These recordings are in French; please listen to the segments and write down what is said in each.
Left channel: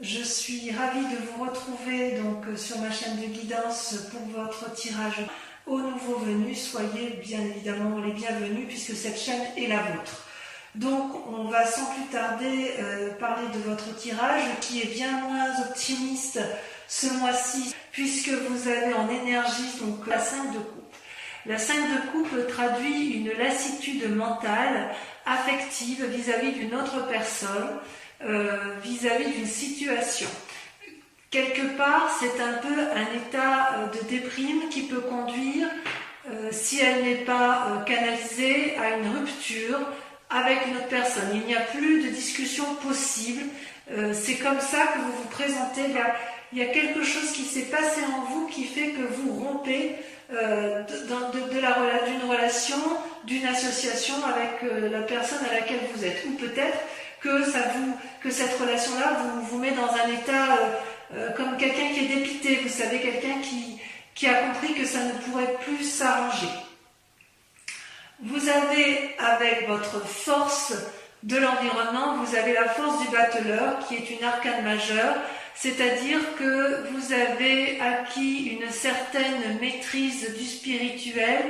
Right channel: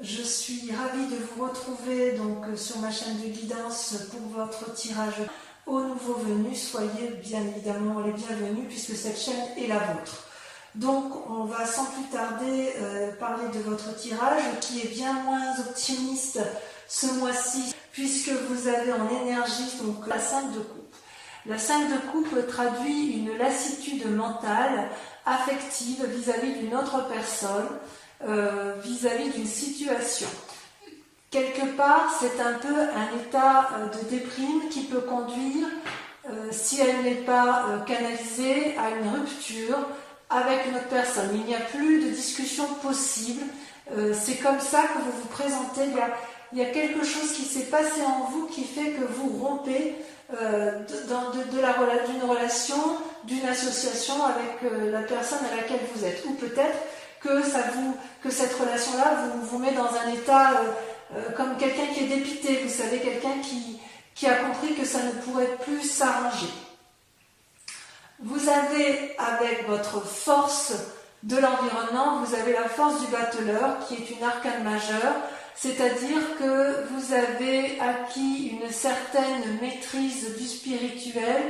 Je suis ravie de vous retrouver donc sur ma chaîne de guidance pour votre tirage aux nouveaux venus. Soyez bien évidemment les bienvenus puisque cette chaîne est la vôtre. Donc on va sans plus tarder parler de votre tirage qui est bien moins optimiste ce mois-ci puisque vous avez en énergie donc la 5 de coupe. La 5 de coupe traduit une lassitude mentale, affective vis-à-vis d'une autre personne, vis-à-vis d'une situation. Quelque part, c'est un peu un état de déprime qui peut conduire, si elle n'est pas canalisée, à une rupture avec une autre personne. Il n'y a plus de discussion possible. C'est comme ça que vous vous présentez. Il y a quelque chose qui s'est passé en vous qui fait que vous rompez d'une relation, d'une association avec la personne à laquelle vous êtes. Ou peut-être que cette relation-là vous met dans un état comme quelqu'un qui est dépité, vous savez, quelqu'un qui a compris que ça ne pourrait plus s'arranger. Vous avez, avec votre force de l'environnement, vous avez la force du battleur, qui est une arcane majeure, c'est-à-dire que vous avez acquis une certaine maîtrise du spirituel,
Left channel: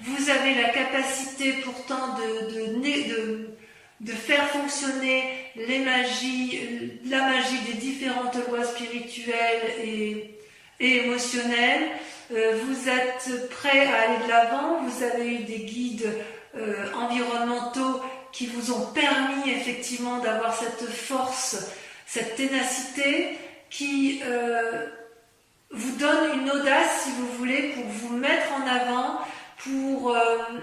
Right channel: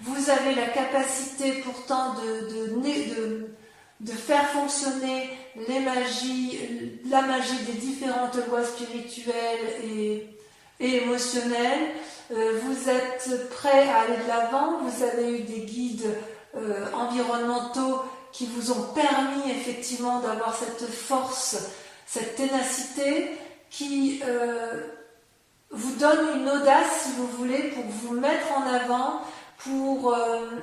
vous avez la capacité pourtant de faire fonctionner la magie des différentes lois spirituelles et émotionnelles. Vous êtes prêt à aller de l'avant, vous avez eu des guides environnementaux qui vous ont permis effectivement d'avoir cette force, cette ténacité qui vous donne une audace, si vous voulez, pour vous mettre en avant, pour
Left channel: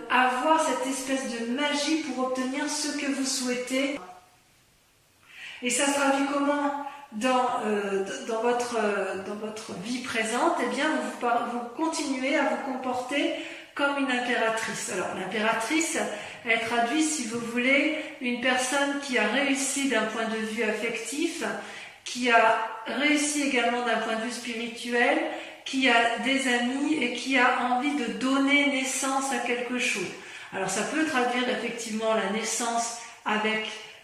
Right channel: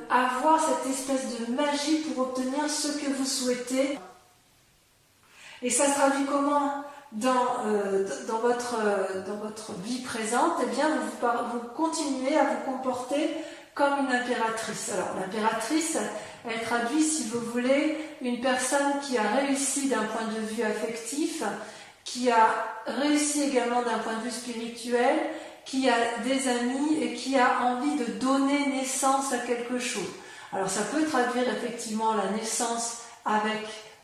avoir cette espèce de magie pour obtenir ce que vous souhaitez. Et ça se traduit comment dans votre vie présente? Eh bien, vous continuez à vous comporter comme une impératrice. Alors, l'impératrice, elle traduit, si vous voulez, une personne qui a réussi d'un point de vue affectif, qui a réussi également d'un point de vue spirituel, qui a des amis et qui a envie de donner naissance à quelque chose. Alors ça peut traduire effectivement la naissance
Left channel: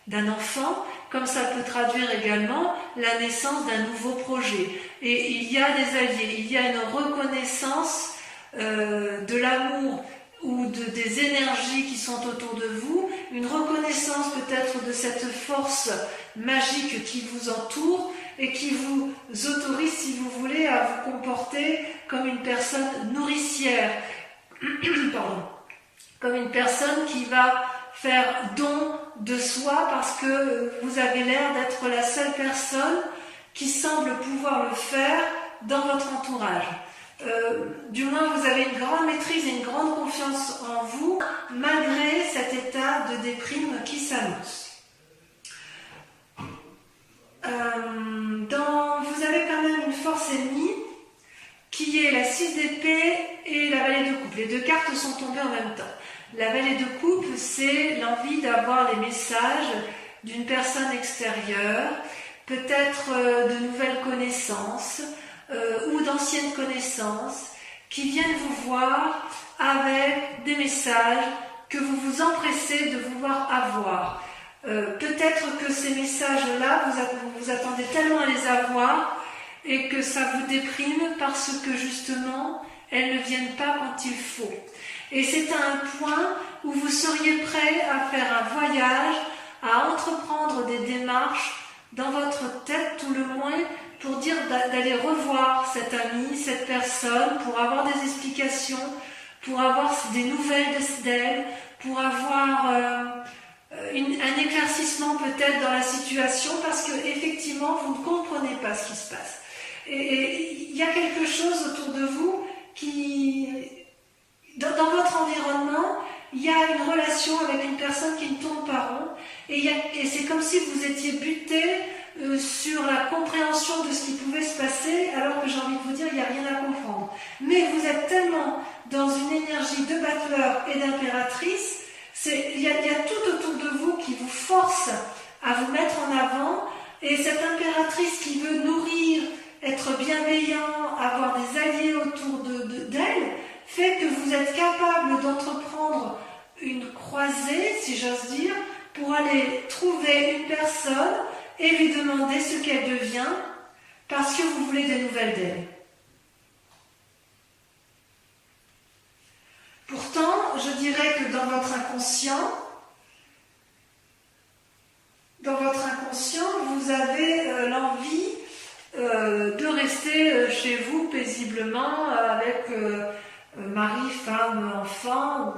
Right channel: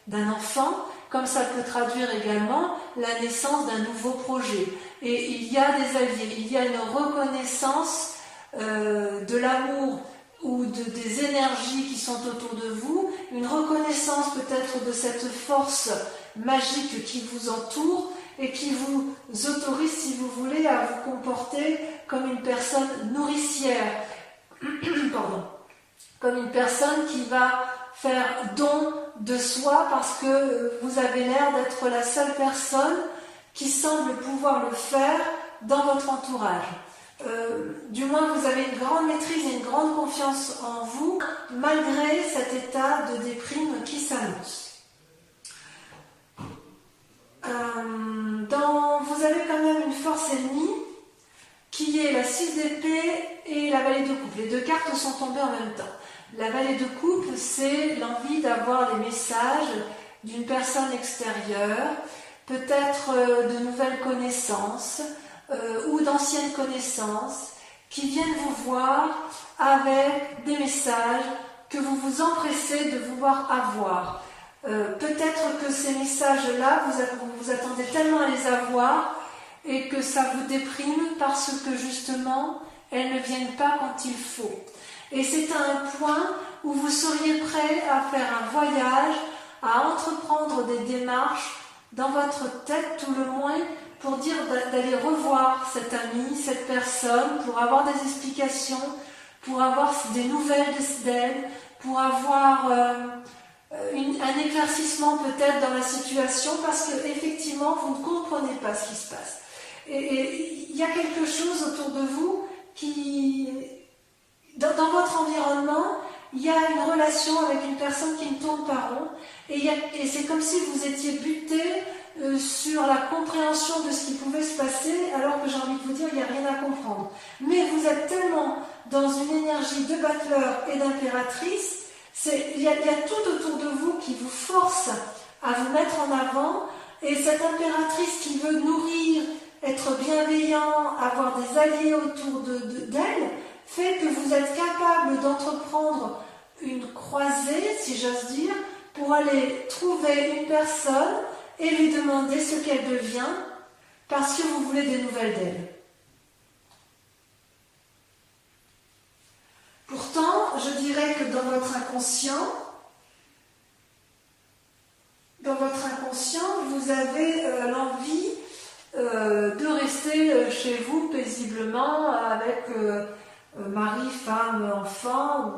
d'un enfant, comme ça peut traduire également la naissance d'un nouveau projet. Et il y a des alliés, il y a une reconnaissance de l'amour ou des énergies qui sont autour de vous, une reconnaissance peut-être de cette force magique qui vous entoure, et qui vous autorise, si vous voulez, à vous comporter comme une personne nourricière, pardon, comme une personne qui va faire don de soi parce que vous avez l'air d'être la seule personne qui semble pouvoir le faire dans votre entourage. Du moins, vous avez une grande maîtrise et une grande confiance en vous, malgré cet état de déprime qui s'annonce. Vous avez quand même une force ennemie qui est la 6 d'épée et la vallée de coupe. Les deux cartes sont tombées en même temps. La vallée de coupe, c'est l'envie d'avoir les messages d'une personne extérieure, peut-être de nouvelles connaissances ou d'anciennes connaissances qui viennent vous voir avec des messages que vous vous empressez de vouloir avoir. Peut-être que ces messages-là, vous attendez tellement à les avoir et que ça vous déprime parce que justement, elles ne viennent pas quand il faut. Et c'est à un point où vous seriez prêt à faire un voyage, à entreprendre des démarches dans votre tête tout le moins pour dire d'aller revoir cet ami, cette personne, pour avoir des explications, pour avoir des nouvelles d'elle, pour avoir un éclaircissement peut-être dans la situation parce que effectivement vous ne comprenez pas ce qui se passe. Et il y a quelque chose autour de vous qui, dans votre environnement, il y a une relation avec une personne qui ne tourne pas rond et c'est comme si vous étiez buté sur la compréhension de ce qui pouvait se passer alors que j'ai envie de vous dire il n'y a rien à comprendre. Mais vous êtes tellement dans une énergie de battleur et d'impératrice. Il y a tout autour de vous qui vous force à vous mettre en avant et cette impératrice qui veut nourrir, être bienveillant, avoir des alliés autour d'elle fait que vous êtes capable d'entreprendre une croisée, si j'ose dire, pour aller trouver une personne et lui demander ce qu'elle devient parce que vous voulez des nouvelles d'elle. Pourtant, je dirais que dans votre inconscient, vous avez l'envie de rester chez vous paisiblement avec mari, femme, enfant,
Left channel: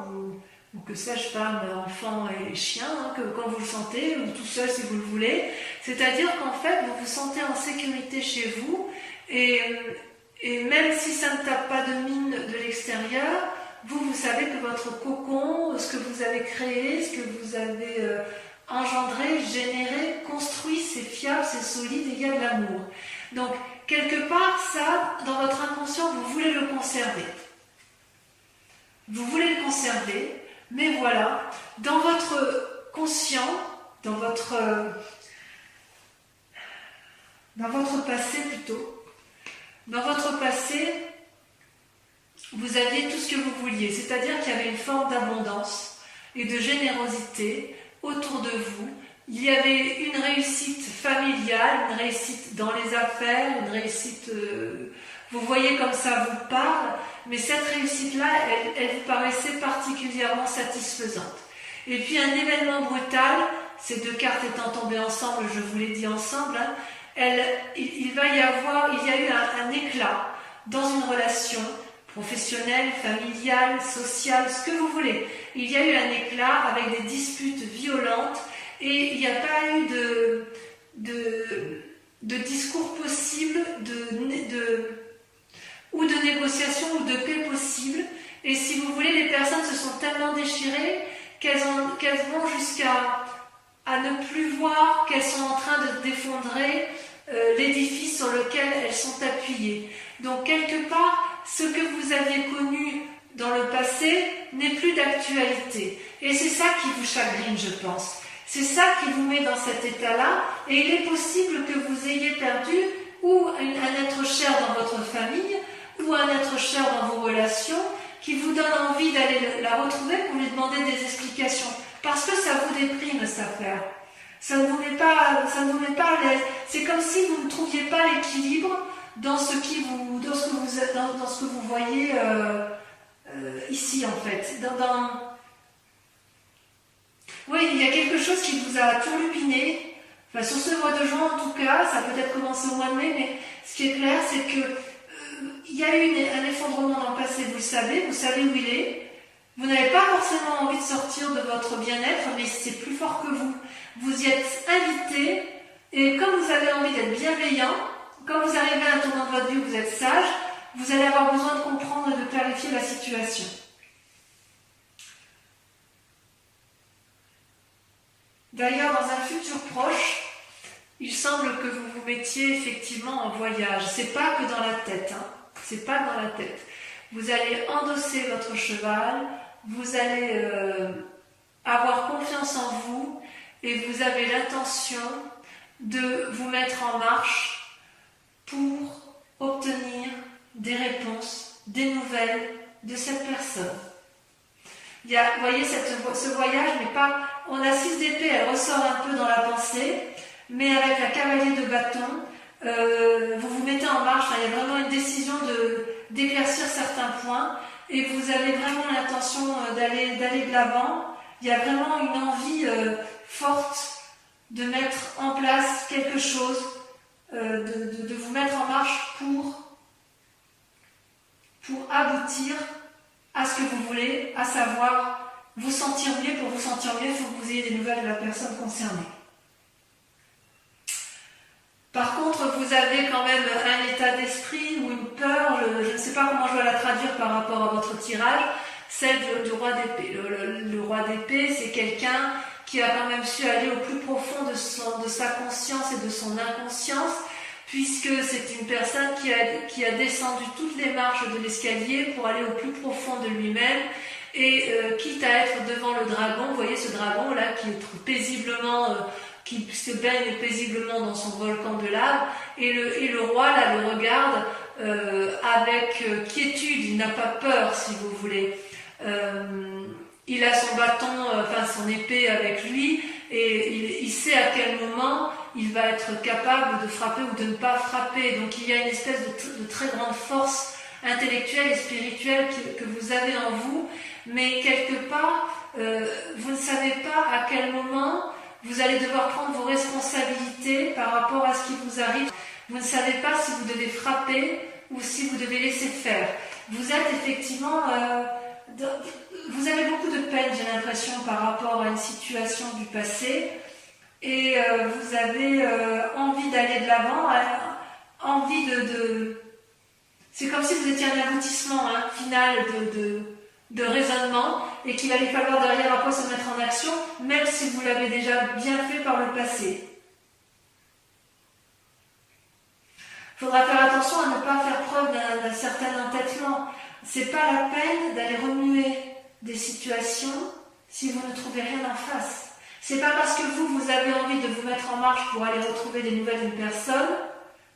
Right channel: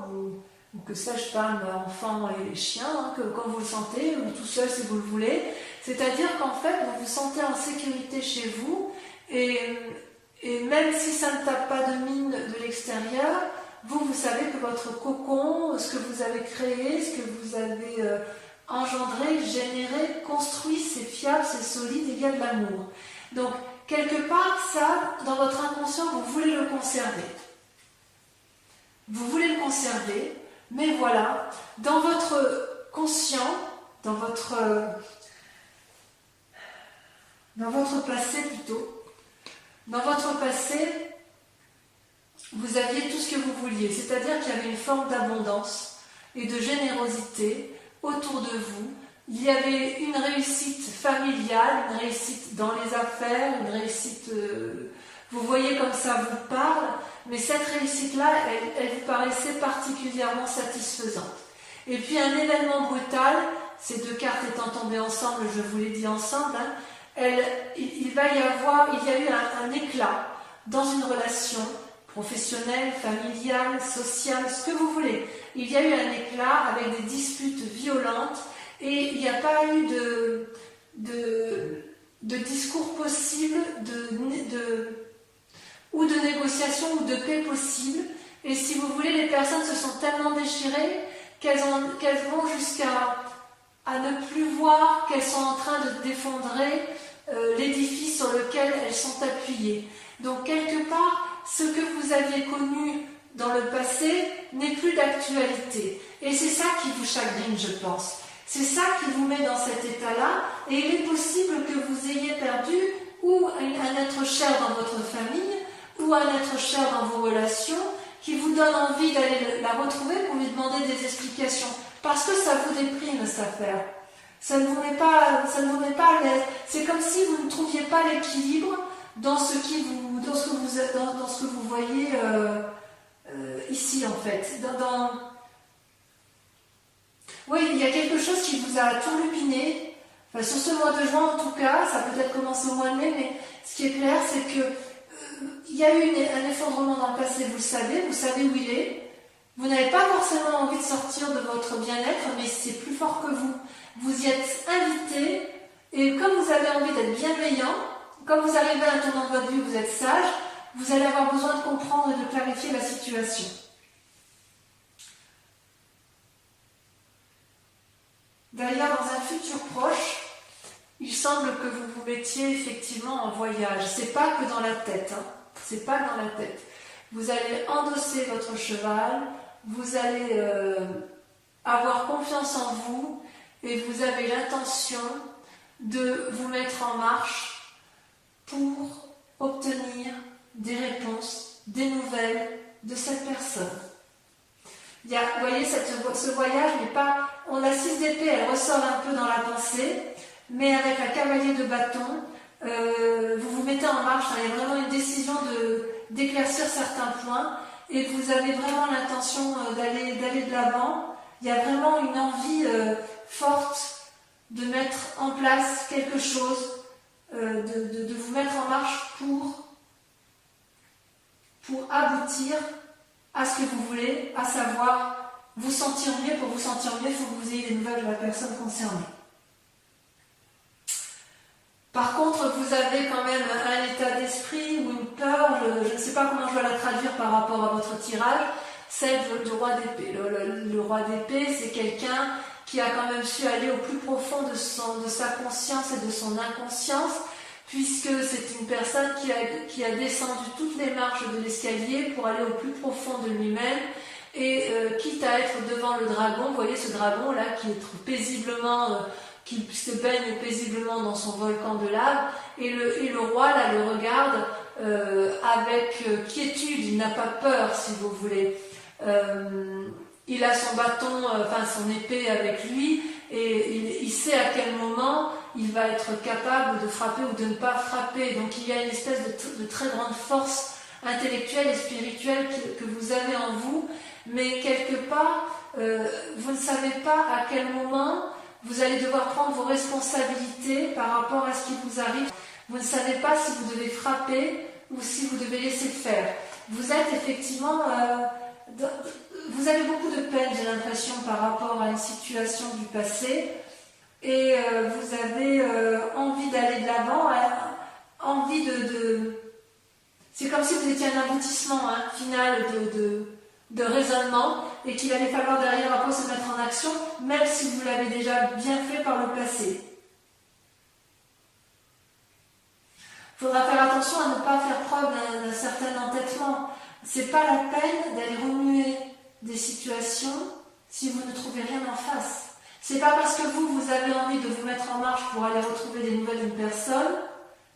ou que sais-je, femme, enfant et chien, hein, quand vous le sentez, ou tout seul si vous le voulez. C'est-à-dire qu'en fait, vous vous sentez en sécurité chez vous, et même si ça ne tape pas de mine de l'extérieur, vous savez que votre cocon, ce que vous avez créé, ce que vous avez engendré, généré, construit, c'est fiable, c'est solide, et il y a de l'amour. Donc, quelque part, ça, dans votre inconscient, vous voulez le conserver. Vous voulez le conserver, mais voilà, dans votre conscient, dans votre passé plutôt, dans votre passé, vous aviez tout ce que vous vouliez, c'est-à-dire qu'il y avait une forme d'abondance et de générosité autour de vous. Il y avait une réussite familiale, une réussite dans les affaires, une réussite, vous voyez comme ça vous parle, mais cette réussite-là, elle vous paraissait particulièrement satisfaisante. Et puis un événement brutal, ces deux cartes étant tombées ensemble, je vous l'ai dit ensemble, hein, il y a eu un éclat dans une relation professionnelle, familiale, sociale, ce que vous voulez. Il y a eu un éclat avec des disputes violentes et il n'y a pas eu de discours possible, ou de négociation ou de paix possible. Et si vous voulez, les personnes se sont tellement déchirées qu'elles vont jusqu'à ne plus voir qu'elles sont en train de défendrer l'édifice sur lequel elles sont appuyées. Donc quelque part, ce que vous aviez connu dans le passé n'est plus d'actualité. Et c'est ça qui vous chagrine, je pense. C'est ça qui vous met dans cet état-là. Et il est possible que vous ayez perdu ou un être cher dans votre famille, ou un être cher dans vos relations, qui vous donne envie d'aller la retrouver pour lui demander des explications. Parce que ça vous déprime, cette affaire. Ça ne vous met pas à l'aise. C'est comme si vous ne trouviez pas l'équilibre dans ce que vous voyez ici, en fait. Oui, il y a quelque chose qui vous a turlupiné. Enfin, sur ce mois de juin, en tout cas, ça a peut-être commencé au mois de mai, mais ce qui est clair, c'est que il y a eu un effondrement dans le passé, vous savez où il est. Vous n'avez pas forcément envie de sortir de votre bien-être, mais c'est plus fort que vous. Vous y êtes invité, et comme vous avez envie d'être bienveillant, comme vous arrivez à un tournant de votre vie où vous êtes sage, vous allez avoir besoin de comprendre et de clarifier la situation. D'ailleurs, dans un futur proche, il semble que vous vous mettiez effectivement en voyage. C'est pas que dans la tête, hein. C'est pas dans la tête. Vous allez endosser votre cheval, vous allez avoir confiance en vous et vous avez l'intention de vous mettre en marche pour obtenir des réponses, des nouvelles de cette personne. Vous voyez, ce voyage n'est pas... On a 6 d'épée, elle ressort un peu dans la pensée, mais avec la cavalier de bâton, vous vous mettez en marche. Il y a vraiment une décision d'éclaircir certains points, et vous avez vraiment l'intention d'aller de l'avant. Il y a vraiment une envie forte de mettre en place quelque chose, de vous mettre en marche pour aboutir à ce que vous voulez, à savoir vous sentir mieux. Pour vous sentir mieux, il faut que vous ayez des nouvelles de la personne concernée. Par contre, vous avez quand même un état d'esprit ou une peur, je ne sais pas comment je dois la traduire par rapport à votre tirage, celle du roi d'épée. Le roi d'épée, c'est quelqu'un qui a quand même su aller au plus profond de sa conscience et de son inconscience, puisque c'est une personne qui a descendu toutes les marches de l'escalier pour aller au plus profond de lui-même, et quitte à être devant le dragon, vous voyez ce dragon là qui est paisiblement... qui se baigne paisiblement dans son volcan de lave, et le roi là le regarde avec quiétude, il n'a pas peur si vous voulez. Il a son bâton, son épée avec lui, et il sait à quel moment il va être capable de frapper ou de ne pas frapper. Donc il y a une espèce de très grande force intellectuelle et spirituelle que vous avez en vous, mais quelque part, vous ne savez pas à quel moment vous allez devoir prendre vos responsabilités par rapport à ce qui vous arrive. Vous ne savez pas si vous devez frapper ou si vous devez laisser faire. Vous êtes effectivement... vous avez beaucoup de peine, j'ai l'impression, par rapport à une situation du passé, et vous avez envie d'aller de l'avant, envie de... C'est comme si vous étiez un aboutissement final de raisonnement, et qu'il allait falloir derrière après se mettre en action, même si vous l'avez déjà bien fait par le passé. Il faudra faire attention à ne pas faire preuve d'un certain entêtement. C'est pas la peine d'aller remuer des situations si vous ne trouvez rien en face. C'est pas parce que vous avez envie de vous mettre en marche pour aller retrouver des nouvelles d'une personne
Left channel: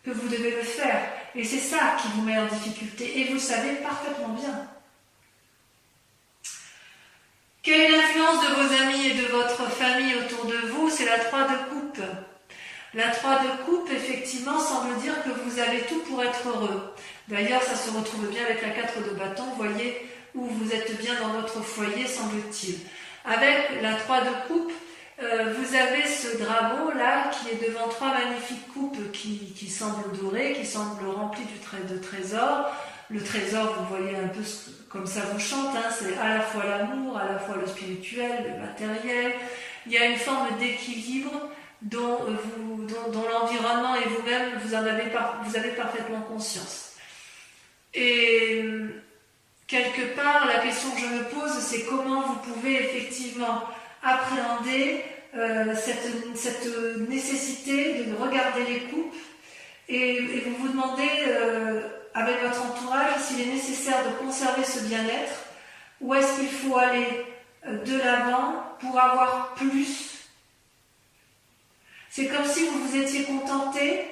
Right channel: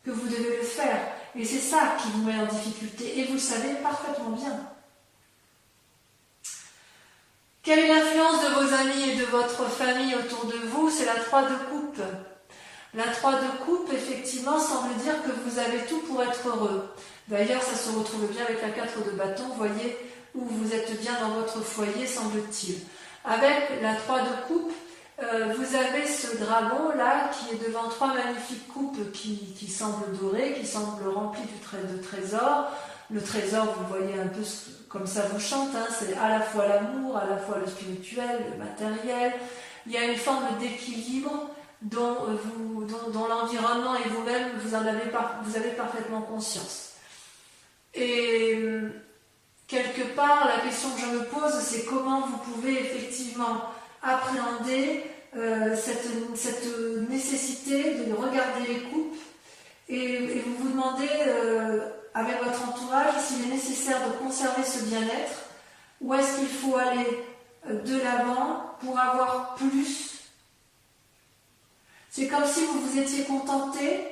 que vous devez le faire. Et c'est ça qui vous met en difficulté. Et vous le savez parfaitement bien. Quelle est l'influence de vos amis et de votre famille autour de vous? C'est la 3 de coupe. La 3 de coupe, effectivement, semble dire que vous avez tout pour être heureux. D'ailleurs, ça se retrouve bien avec la 4 de bâton, vous voyez, où vous êtes bien dans votre foyer, semble-t-il. Avec la 3 de coupe, vous avez ce dragon-là qui est devant 3 magnifiques coupes qui semblent dorées, qui semblent remplies de trésors. Le trésor, vous voyez un peu comme ça vous chante, c'est à la fois l'amour, à la fois le spirituel, le matériel. Il y a une forme d'équilibre dont l'environnement et vous-même, vous avez parfaitement conscience. Et quelque part, la question que je me pose, c'est comment vous pouvez effectivement appréhender cette nécessité de regarder les coupes et vous vous demandez avec votre entourage s'il est nécessaire de conserver ce bien-être ou est-ce qu'il faut aller de l'avant pour avoir plus. C'est comme si vous vous étiez contenté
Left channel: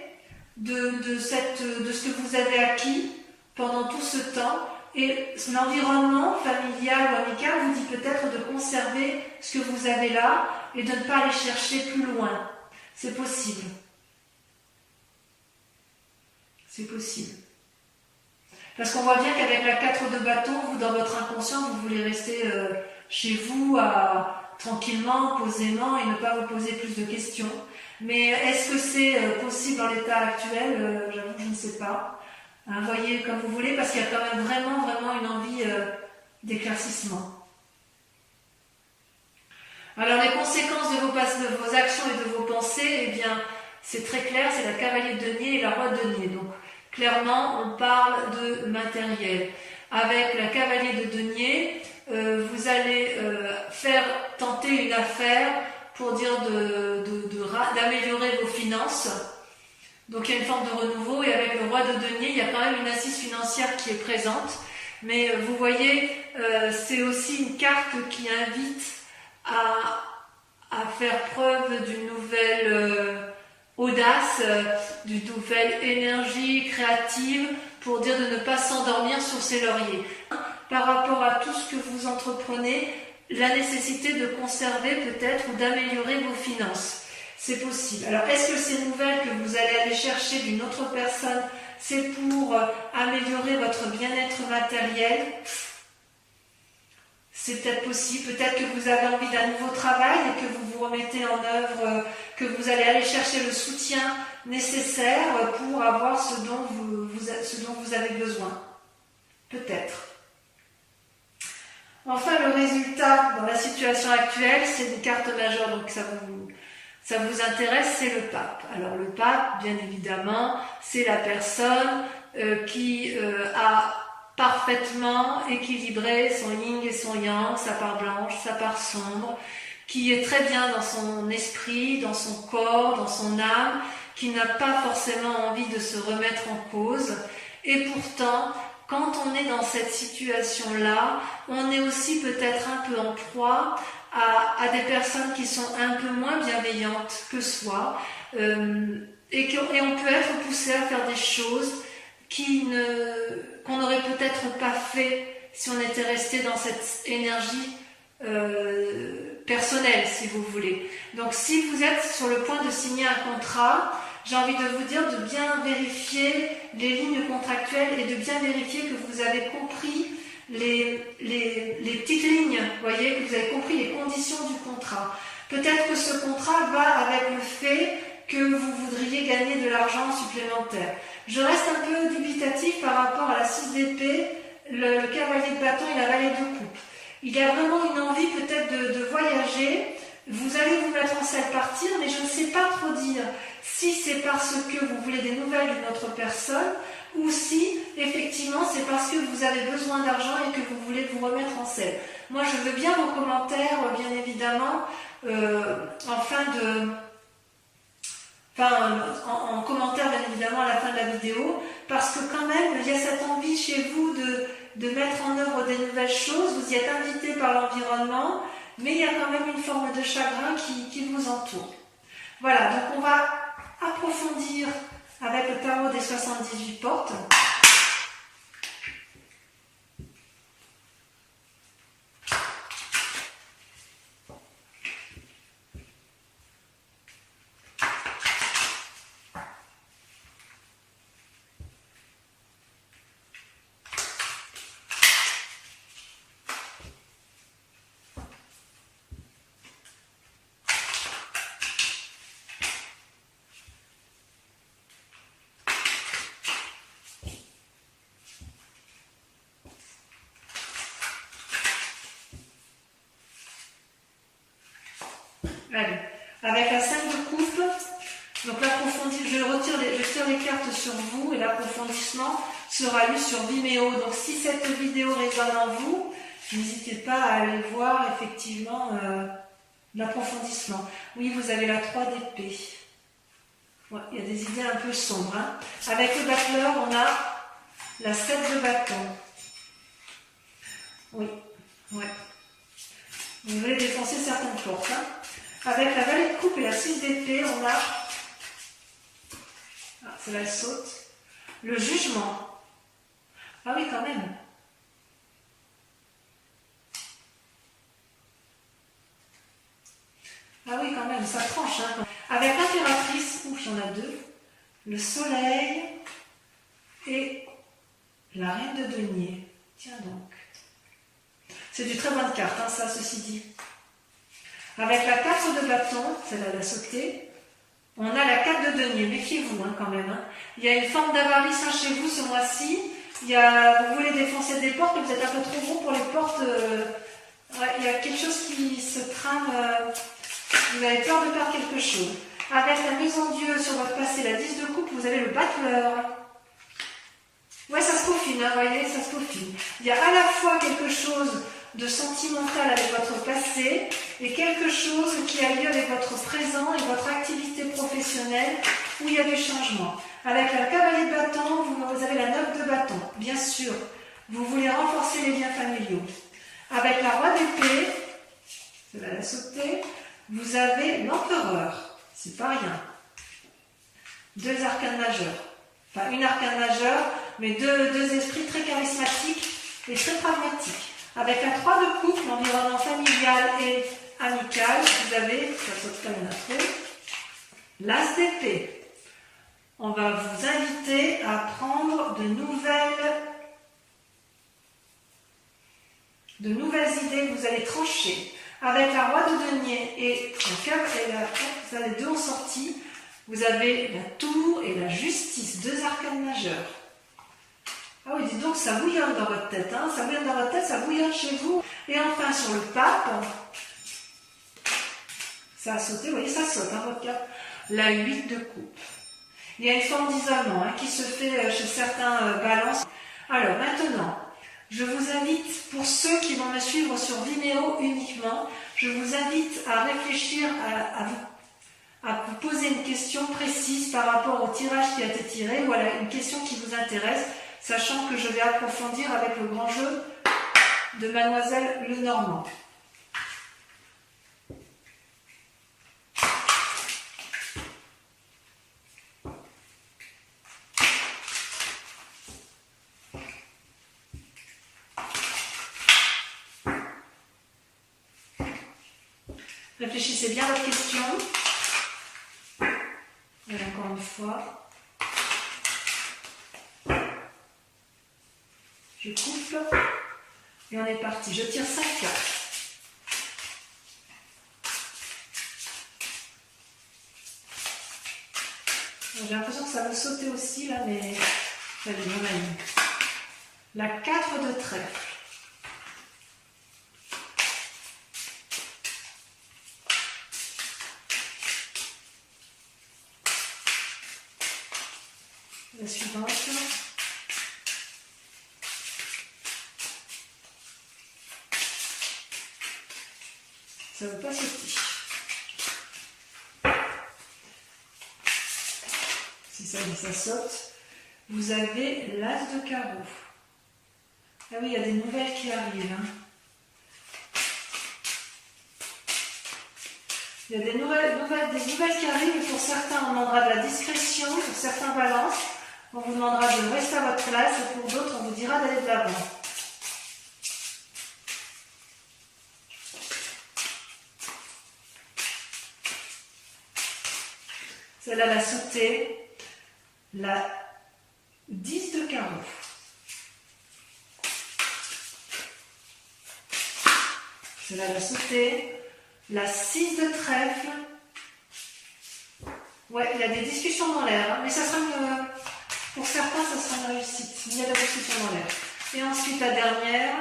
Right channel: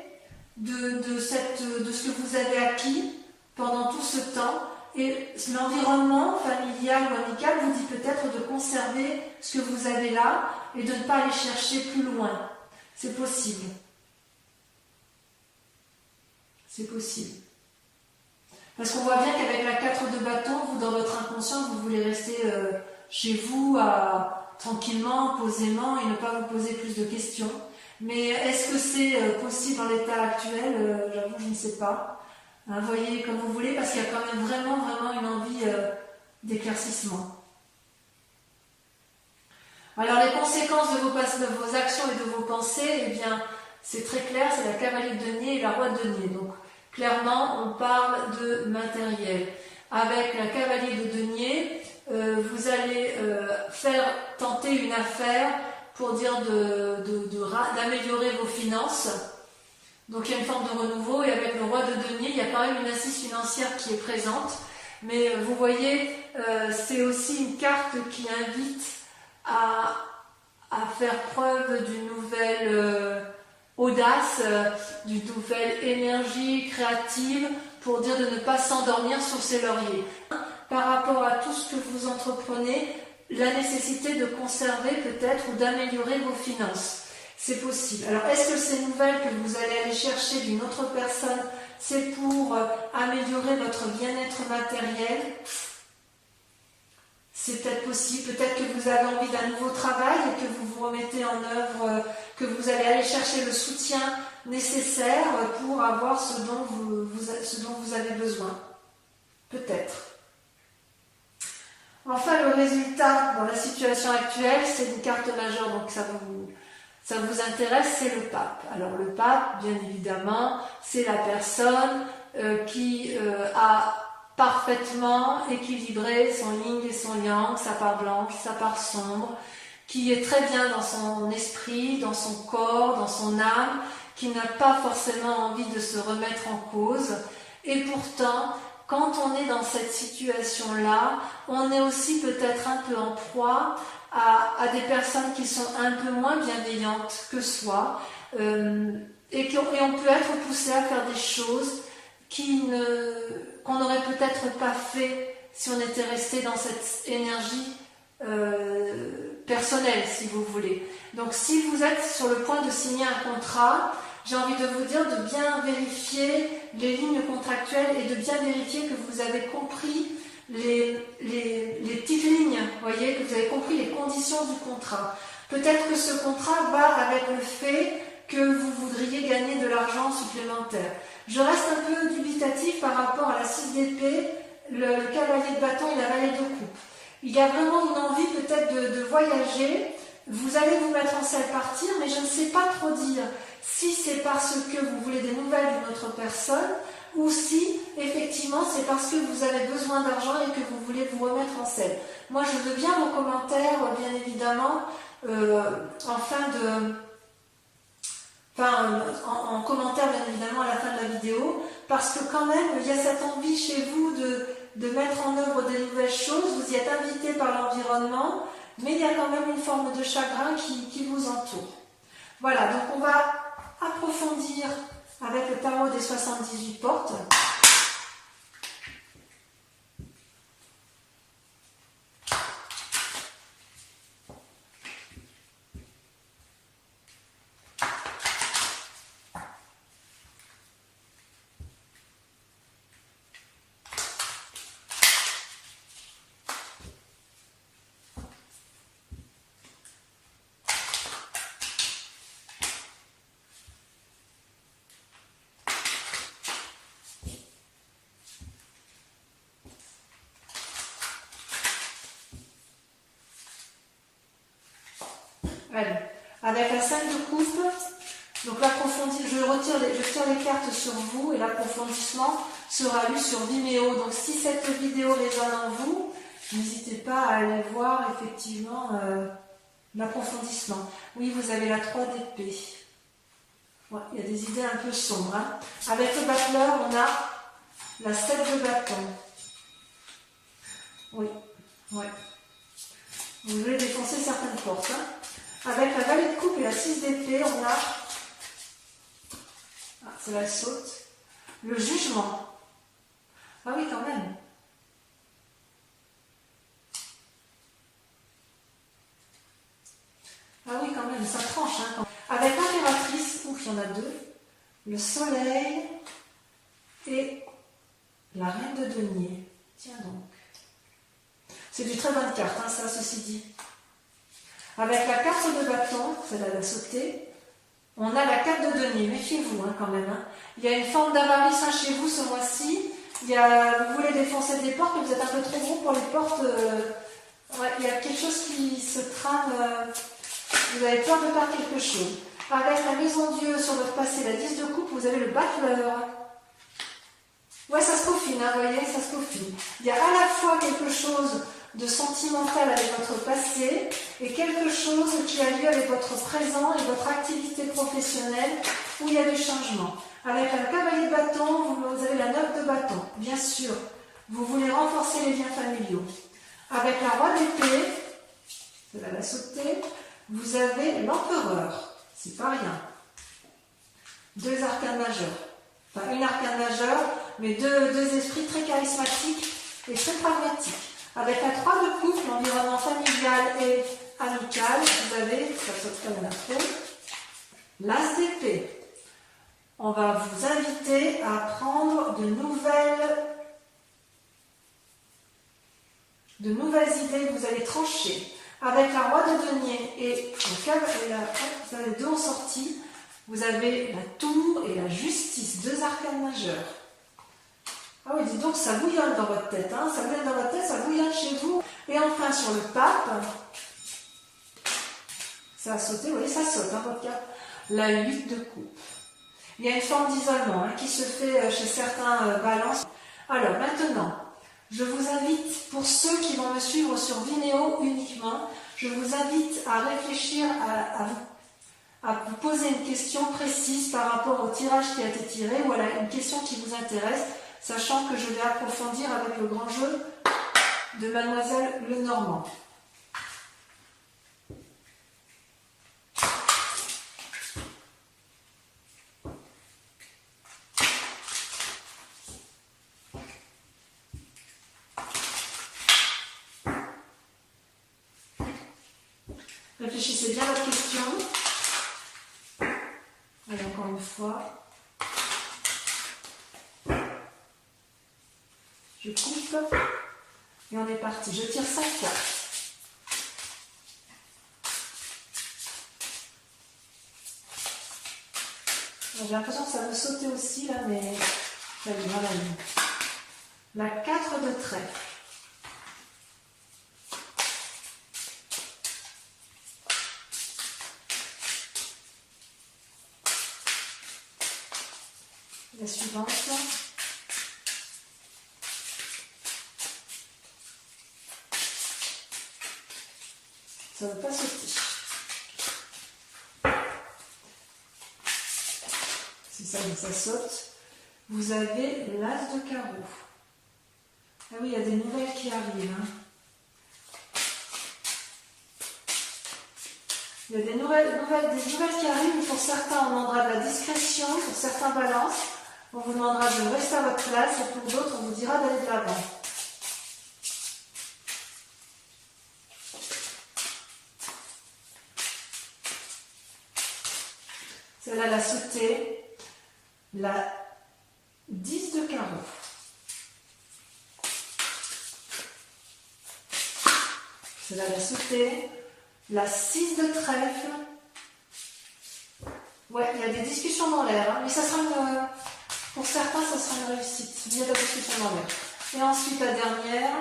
de ce que vous avez acquis pendant tout ce temps et l'environnement familial ou amical vous dit peut-être de conserver ce que vous avez là et de ne pas aller chercher plus loin. C'est possible. C'est possible. Parce qu'on voit bien qu'avec la 4 de bâton, vous, dans votre inconscient, vous voulez rester chez vous tranquillement, posément et ne pas vous poser plus de questions. Mais est-ce que c'est possible dans l'état actuel? J'avoue, je ne sais pas. Voyez comme vous voulez, parce qu'il y a quand même vraiment une envie d'éclaircissement. Alors les conséquences de vos actions et de vos pensées, eh bien, c'est très clair, c'est la cavalier de denier et la roi de denier. Donc, clairement, on parle de matériel. Avec la cavalier de denier, vous allez tenter une affaire pour dire d'améliorer vos finances. Donc il y a une forme de renouveau et avec le roi de denier, il y a quand même une assise financière qui est présente. Mais vous voyez, c'est aussi une carte qui invite à faire preuve d'une nouvelle audace, d'une nouvelle énergie créative pour dire de ne pas s'endormir sur ses lauriers. Par rapport à tout ce que vous entreprenez, la nécessité de conserver peut-être ou d'améliorer vos finances. C'est possible. Alors, est-ce que ces nouvelles que vous allez aller chercher d'une autre personne, c'est pour améliorer votre bien-être matériel? C'est peut-être possible. Peut-être que vous avez envie d'un nouveau travail et que vous vous remettez en œuvre, que vous allez aller chercher le soutien nécessaire pour avoir ce dont vous avez besoin. Peut-être. Enfin, le résultat dans la situation actuelle, c'est une carte majeure, donc ça vous intéresse, c'est le pape. Alors le pape, bien évidemment, c'est la personne qui a parfaitement équilibré son yin et son yang, sa part blanche, sa part sombre, qui est très bien dans son esprit, dans son corps, dans son âme, qui n'a pas forcément envie de se remettre en cause. Et pourtant, quand on est dans cette situation-là, on est aussi peut-être un peu en proie à des personnes qui sont un peu moins bienveillantes que soi et on peut être poussé à faire des choses qu'on n'aurait peut-être pas fait si on était resté dans cette énergie personnel, si vous voulez. Donc si vous êtes sur le point de signer un contrat, j'ai envie de vous dire de bien vérifier les lignes contractuelles et de bien vérifier que vous avez compris les petites lignes, voyez, que vous avez compris les conditions du contrat. Peut-être que ce contrat va avec le fait que vous voudriez gagner de l'argent supplémentaire. Je reste un peu dubitatif par rapport à la 6 d'épée, le cavalier de bâton et la valet de coupe. Il y a vraiment une envie peut-être de voyager. Vous allez vous mettre en selle partir, mais je ne sais pas trop dire si c'est parce que vous voulez des nouvelles d'une autre personne ou si effectivement c'est parce que vous avez besoin d'argent et que vous voulez vous remettre en selle. Moi je veux bien vos commentaires, bien évidemment, en commentaire bien évidemment à la fin de la vidéo, parce que quand même il y a cette envie chez vous de mettre en œuvre des nouvelles choses, vous y êtes invité par l'environnement, mais il y a quand même une forme de chagrin qui vous entoure. Voilà, donc on va approfondir avec le tarot des 78 portes. Allez, avec la 5 de coupe, donc l'approfondissement, je tire les cartes sur vous et l'approfondissement sera lu sur Vimeo. Donc si cette vidéo résonne en vous, n'hésitez pas à aller voir effectivement l'approfondissement. Oui, vous avez la 3 d'épée. Ouais, il y a des idées un peu sombres. Hein. Avec le battleur, on a la 7 de bâton. Oui, ouais. Vous voulez défoncer certaines portes. Hein. Avec la valet de coupe et la 6 d'épée, on a, c'est là elle saute, le jugement. Ah oui, quand même. Ah oui, quand même, ça tranche. Hein. Avec l'impératrice, ouf, il y en a deux, le soleil et la reine de denier. Tiens donc. C'est du très bonne carte, hein, ça, ceci dit. Avec la 4 de bâton, celle-là elle a sauté, on a la 4 de denier, méfiez-vous hein, quand même. Hein. Il y a une forme d'avarice hein, chez vous ce mois-ci, vous voulez défoncer des portes, mais vous êtes un peu trop gros pour les portes, ouais, il y a quelque chose qui se trame, vous avez peur de perdre quelque chose. Avec la maison Dieu sur votre passé, la 10 de coupe, vous avez le battleur. Ouais, ça se peaufine, hein, voyez, ça se peaufine. Il y a à la fois quelque chose de sentimental avec votre passé et quelque chose qui a lieu avec votre présent et votre activité professionnelle où il y a du changement. Avec la cavalier de bâton, vous avez la 9 de bâton. Bien sûr, vous voulez renforcer les liens familiaux. Avec la roi d'épée, celle-là la sauter, vous avez l'empereur. C'est pas rien. Deux arcanes majeurs. Enfin, une arcane majeure, mais deux esprits très charismatiques et très pragmatiques. Avec la 3 de coupe, l'environnement familial et amical, vous avez, ça saute comme un trop, l'as d'épée. On va vous inviter à prendre de nouvelles idées, vous allez trancher. Avec la roi de denier et vous avez deux en sortie, vous avez la tour et la justice, deux arcanes majeurs. Ah oui, dites donc, ça bouillonne dans votre tête, hein, ça bouillonne dans votre tête, ça bouillonne chez vous. Et enfin, sur le pape, ça a sauté, vous voyez, ça saute, hein, votre carte. La 8 de coupe. Il y a une forme d'isolement hein, qui se fait chez certains balances. Alors, maintenant, je vous invite, pour ceux qui vont me suivre sur Vimeo uniquement, je vous invite à réfléchir à vous poser une question précise par rapport au tirage qui a été tiré ou à une question qui vous intéresse, sachant que je vais approfondir avec le grand jeu de Mademoiselle Lenormand. Réfléchissez bien à votre question. Et encore une fois. Je coupe. Et on est parti. Je tire 5 cartes. J'ai l'impression que ça va sauter aussi là, mais ça va bien aller. La 4 de trèfle. La suivante. Ça ne veut pas sauter. Si ça saute, vous avez l'as de carreau. Ah oui, il y a des nouvelles qui arrivent. Hein. Il y a des nouvelles qui arrivent, et pour certains, on demandera de la discrétion, pour certains balances, on vous demandera de rester à votre place, et pour d'autres, on vous dira d'aller de l'avant. Celle-là, elle a sauté. La 10 de carreau. Celle-là, elle a sauté. La 6 de trèfle. Ouais, il y a des discussions dans l'air, hein, mais ça sera pour certains, ça sera une réussite. Il y a de la discussion dans l'air. Et ensuite, la dernière.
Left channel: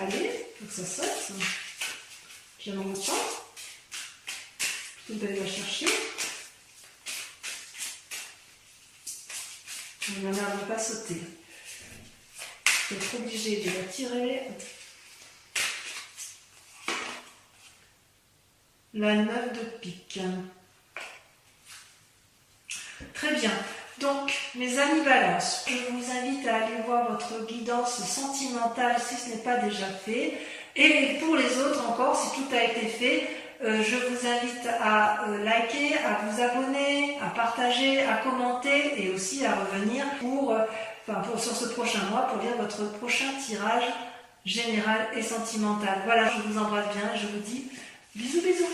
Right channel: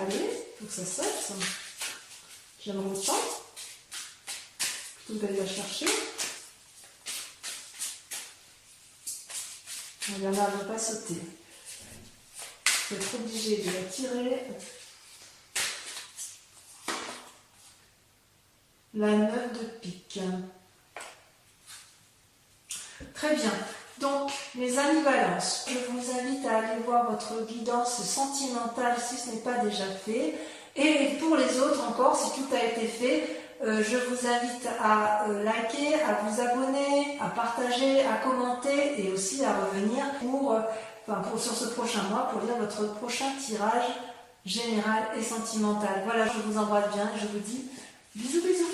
Allez, il faut que ça saute. Puis on reprend. Plutôt que d'aller la chercher. Il y en a, elle ne va pas sauter. Vous êtes obligé de la tirer. La 9 de pique. Très bien. Donc, mes amis Balance, je vous invite à aller voir votre guidance sentimentale si ce n'est pas déjà fait. Et pour les autres encore, si tout a été fait, je vous invite à liker, à vous abonner, à partager, à commenter et aussi à revenir sur ce prochain mois pour lire votre prochain tirage général et sentimental. Voilà, je vous embrasse bien et je vous dis bisous bisous.